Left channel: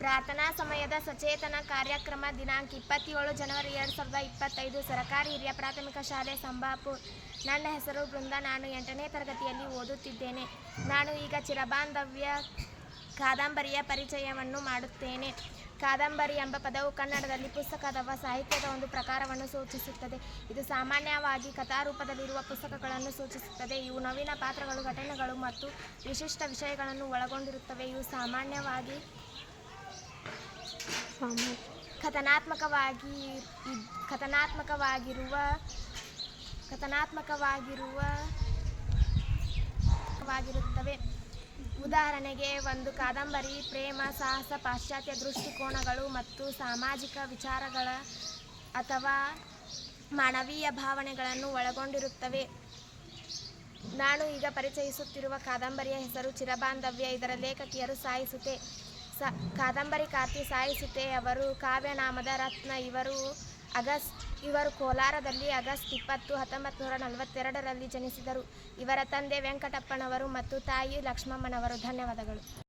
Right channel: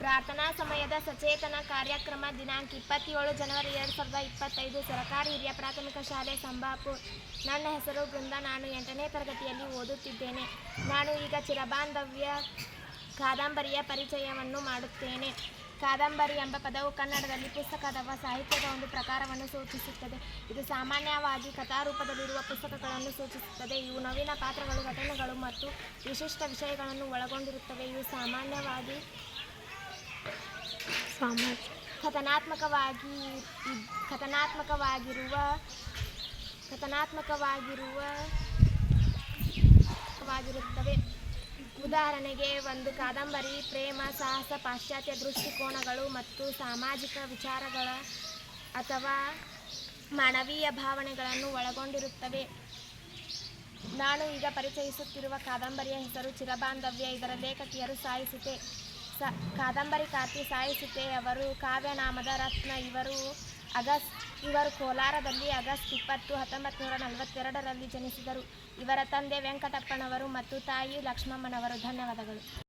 ಪ್ರಾರ್ಥನಾ ಸಮಯದ ಸಚೇತನ ಕಾರ್ಯಕ್ರಮ ದಿನಾಂಕ ಇಪ್ಪತ್ತೇಳು ಜನವರಿ ಎರಡು ಸಾವಿರದ ಇಪ್ಪತ್ತೈದು. ಸರಕಾರಿ ಹಿರಿಯ ಪ್ರಾಥಮಿಕ ಶಾಲೆ ಸಂಬಾಪುರ್ ನನ್ನ ಹೆಸರು ಬೃಂದ. ನಾನು ಎಂಟನೇ ತರಗತಿಯಲ್ಲಿ ಓದುತ್ತಿದ್ದೇನೆ. ನಾನು ಈಗ ಚಿರಬಾಂಧವ್ಯ ಕಾದಂಬರಿಯ ಪರಿಚಯವನ್ನು ಮಾಡುತ್ತೇನೆ. ಕಾದಂಬರಿ ಎಂಬ ಪದವು ಕನ್ನಡದಲ್ಲಿ ಪುಸ್ತಕ ಅಥವಾ ಸಾಹಿತ್ಯದ ಒಂದು ಪ್ರಕಾರವನ್ನು ಸೂಚಿಸುತ್ತದೆ. ಇದು ಸಾಮಾನ್ಯವಾಗಿ ಕಥಾರೂಪದಲ್ಲಿರುವ ಪುಸ್ತಕಗಳನ್ನು ಸೂಚಿಸುತ್ತದೆ. ಇವು ನವೀನ ಪಾತ್ರಗಳು, ಘಟನೆಗಳು ಮತ್ತು ವಿಶಿಷ್ಟ ವಿಷಯಗಳನ್ನು ಒಳಗೊಂಡಿರುತ್ತವೆ. ಇವು ಸಾಮಾನ್ಯವಾಗಿ ಕಥನಾತ್ಮಕವಾಗಿ ಕಥನಾತ್ಮಕವಾಗಿರುವ ಕಥನಾತ್ಮಕವಾಗಿರುವ ವಾಗಿರುತ್ತವೆ ಉದಾಹರಣೆಗೆ ಒಂದು ಕಾದಂಬರಿ, ಪ್ರೇಮ, ಸಾಹಸ, ಪಾಶ್ಚಾತ್ಯ ದೃಷ್ಟಿಕೋನಗಳು ಮತ್ತು ಸಾಮಾಜಿಕ ವಿಚಾರಗಳ ಅಥವಾ ಮಾನವೀಯ ಭಾವನೆಗಳನ್ನು ಒಳಗೊಂಡಿರುತ್ತವೆ. ನಾನು ಈಗ ಪರಿಚಯಿಸುತ್ತಿರುವ ಕಾದಂಬರಿಯ ಹೆಸರು ಚಿರಬಾಂಧವ್ಯ. ಇದರ ಲೇಖಕಿಯರು ಸಾಯಿಸುತ್ತೆ ಸ ಕಾದಂಬರಿಕಾರ್ತಿ ಅವರು, ಕಾವ್ಯನಾಮದ ರತ್ನ ಇವರು, ಆಗಸ್ಟ್, ಇವರು ಕೋಲಾರದಲ್ಲಿ ಆಗಸ್ಟ್ ಇಪ್ಪತ್ತು ಹತ್ತೊಂಬತ್ತು ನೂರ ನಲವತ್ತೆರಡರಲ್ಲಿ ಜನಿಸಿದರು. ಇವರ ತಂದೆ ವೆಂಕಟಪ್ಪನವರು ಮತ್ತು ತಾಯಿ ಲಕ್ಷ್ಮಮ್ಮನವರು. ಧನ್ಯವಾದಗಳು.